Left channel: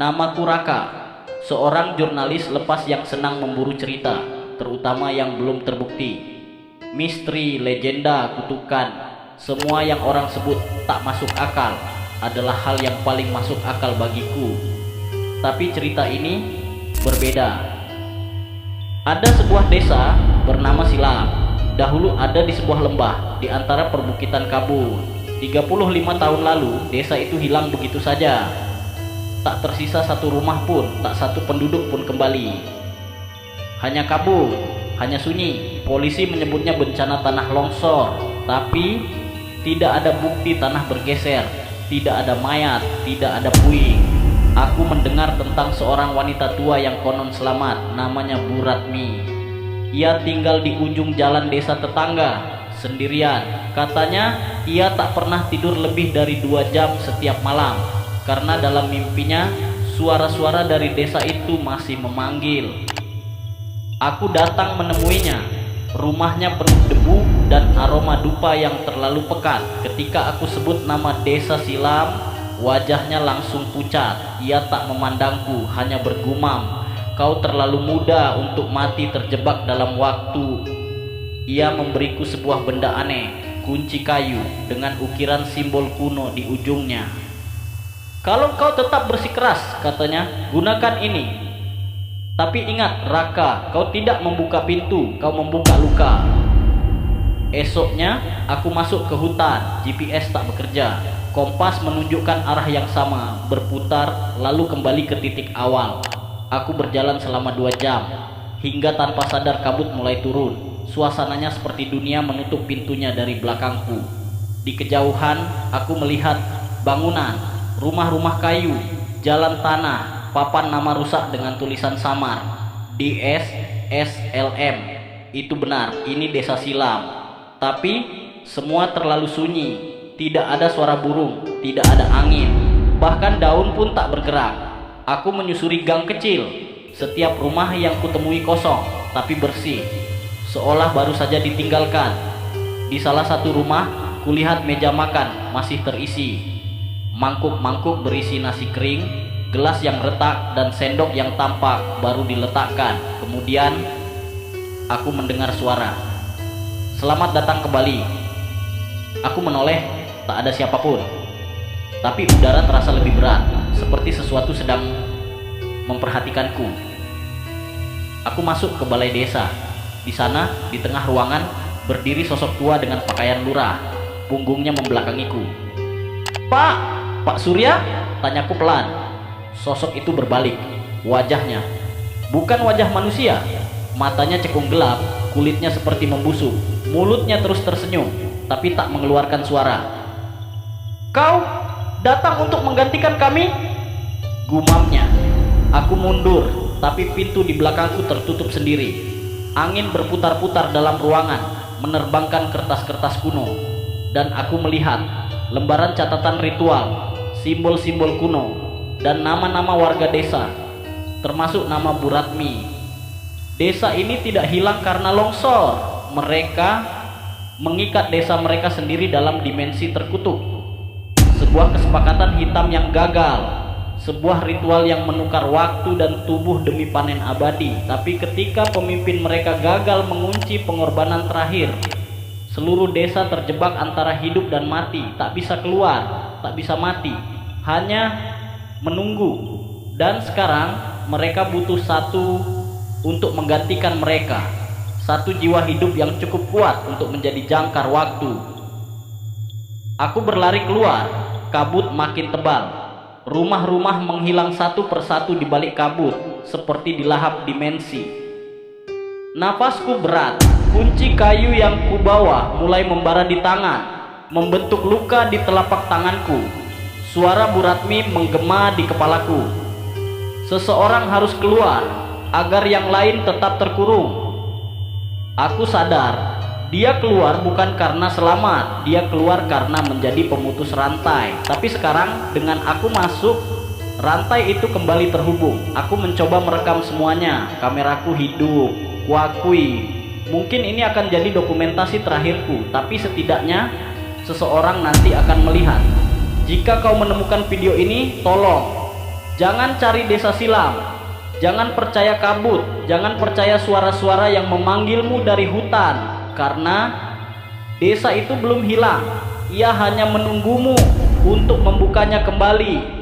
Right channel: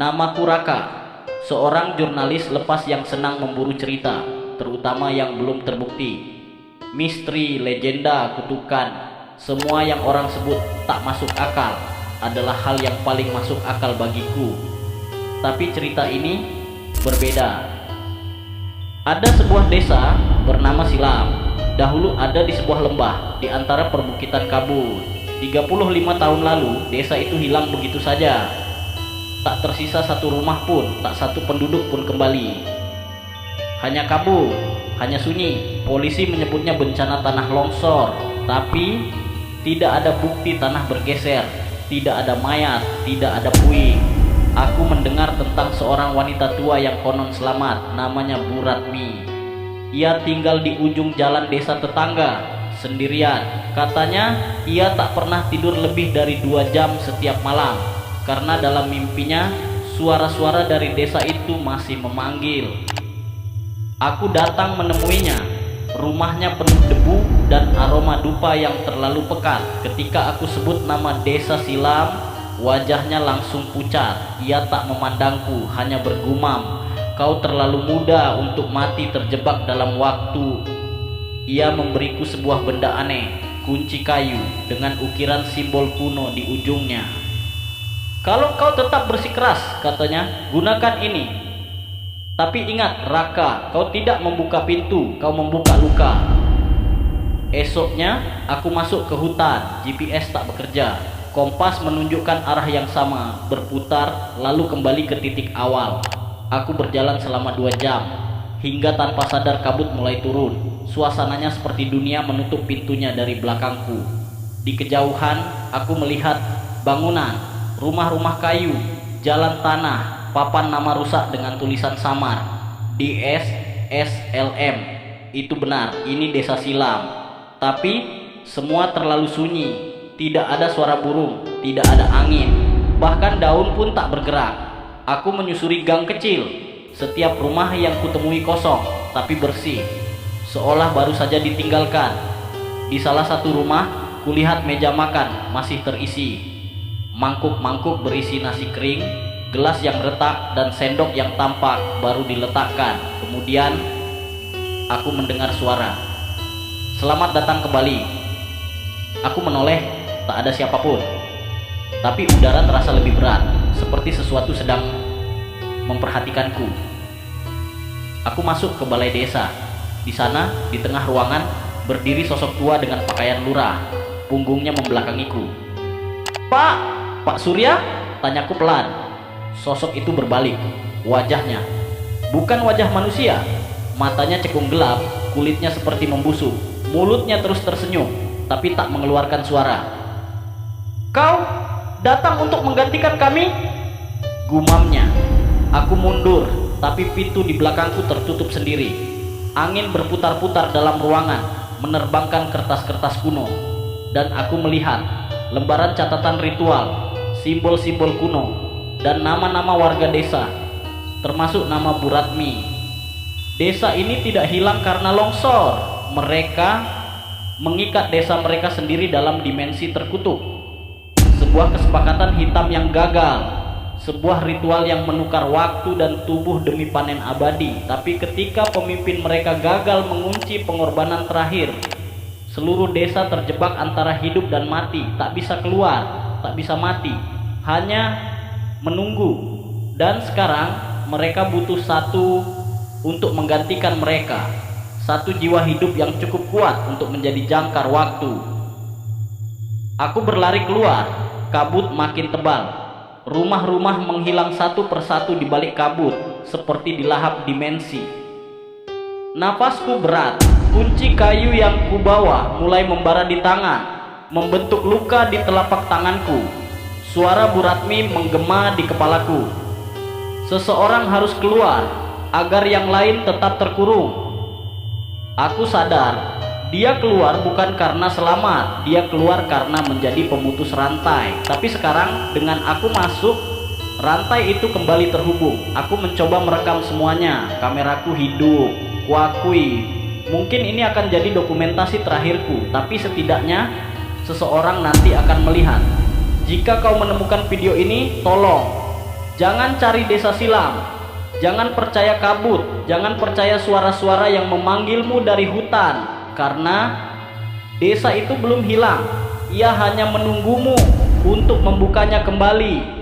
Namaku Raka, seorang jurnalis lepas yang senang memburu cerita, terutama yang belum terbukti. Misteri, legenda, kutukan, semua yang orang sebut tak masuk akal adalah hal yang paling masuk akal bagiku. Tapi cerita ini berbeda. Ada sebuah desa bernama Silam. Dahulu ada di sebuah lembah di antara perbukitan kabut. 35 tahun lalu desa itu hilang begitu saja. Tak tersisa satu rumah pun, tak satu penduduk pun kembali. Hanya kabut, hanya sunyi. Polisi menyebutnya bencana tanah longsor, tapi tidak ada bukti tanah bergeser, tidak ada mayat, tidak ada puing. Aku mendengar tentang seorang wanita tua yang konon selamat, namanya Bu Ratmi. Ia tinggal di ujung jalan desa tetangga, sendirian. Katanya ia tak pernah tidur lebih dari 2 jam setiap malam, karena dalam mimpinya suara-suara dari desa itu masih memanggil. Aku datang menemuinya. Rumahnya penuh debu dan aroma dupa yang terlalu pekat. Ketika aku sebut nama desa Silam, wajahnya langsung pucat. Ia tak memandangku, hanya bergumam, "Kau terlalu muda untuk mati terjebak dalam waktu." Ia memberiku sebuah benda aneh, kunci kayu dengan ukiran simbol kuno di ujungnya. "Kalau kau tetap bersikeras," katanya, "gunakan ini. Tapi ingat Raka, kau tidak membuka pintu, kau membuka luka." Esoknya aku masuk ke hutan. GPS tak bekerja. Kompas menunjukkan arah yang sama, berputar lalu kembali ke titik awal. Aku berjalan selama 2 jam, hingga tanpa sadar kabut mulai turun. Suasananya seperti dunia menutup pintunya dari belakangku. Di kejauhan aku melihat bangunan, rumah-rumah kayu, jalan tanah, papan nama rusak dengan tulisan samar, DSSLM. Itu benar, ini desa Silam. Tapi semua terlalu sunyi. Tidak ada suara burung, tidak ada angin, bahkan daun pun tak bergerak. Aku menyusuri gang kecil. Setiap rumah yang kutemui kosong, tapi bersih, seolah baru saja ditinggalkan. Di salah satu rumah, kulihat meja makan masih terisi. Mangkuk-mangkuk berisi nasi kering, gelas yang retak, dan sendok yang tampak baru diletakkan. Kemudian aku mendengar suara, "Selamat datang kembali." Aku menoleh, tak ada siapapun. Tapi udara terasa lebih berat, seperti sesuatu sedang memperhatikanku. Aku masuk ke balai desa. Di sana, di tengah ruangan, berdiri sosok tua dengan pakaian lurah. Punggungnya membelakangiku. Pak Surya?" tanyaku pelan. Sosok itu berbalik. Wajahnya bukan wajah manusia. Matanya cekung gelap, kulitnya seperti membusuk. Mulutnya terus tersenyum, tapi tak mengeluarkan suara. "Kau datang untuk menggantikan kami?" gumamnya. Aku mundur, tapi pintu di belakangku tertutup sendiri. Angin berputar-putar dalam ruangan, menerbangkan kertas-kertas kuno. Dan aku melihat lembaran catatan ritual, simbol-simbol kuno, dan nama-nama warga desa, termasuk nama Bu Ratmi. Desa ini tidak hilang karena longsor. Mereka mengikat desa mereka sendiri dalam dimensi terkutuk. Sebuah kesepakatan hitam yang gagal, sebuah ritual yang menukar waktu dan tubuh demi panen abadi. Tapi ketika pemimpin mereka gagal mengunci pengorbanan terakhir, seluruh desa terjebak antara hidup dan mati. Tak bisa keluar, tak bisa mati, hanya menunggu. Dan sekarang mereka butuh satu untuk menggantikan mereka, satu jiwa hidup yang cukup kuat untuk menjadi jangkar waktu. Aku berlari keluar. Kabut makin tebal. Rumah-rumah menghilang satu persatu di balik kabut, seperti dilahap dimensi. Nafasku berat. Kunci kayu yang kubawa mulai membara di tangan, membentuk luka di telapak tanganku. Suara Bu Ratmi menggema di kepalaku. "Seseorang harus keluar agar yang lain tetap terkurung." Aku sadar, dia keluar bukan karena selamat, dia keluar karena menjadi pemutus rantai. Tapi sekarang dengan aku masuk, rantai itu kembali terhubung. Aku mencoba merekam semuanya. Kameraku hidup. Kuakui, mungkin ini akan jadi dokumentasi terakhirku, tapi setidaknya seseorang nanti akan melihat. Jika kau menemukan video ini, tolong Jangan cari desa silam. Jangan percaya kabut. Jangan percaya suara-suara yang memanggilmu dari hutan. Karena desa itu belum hilang. Ia hanya menunggumu untuk membukanya kembali.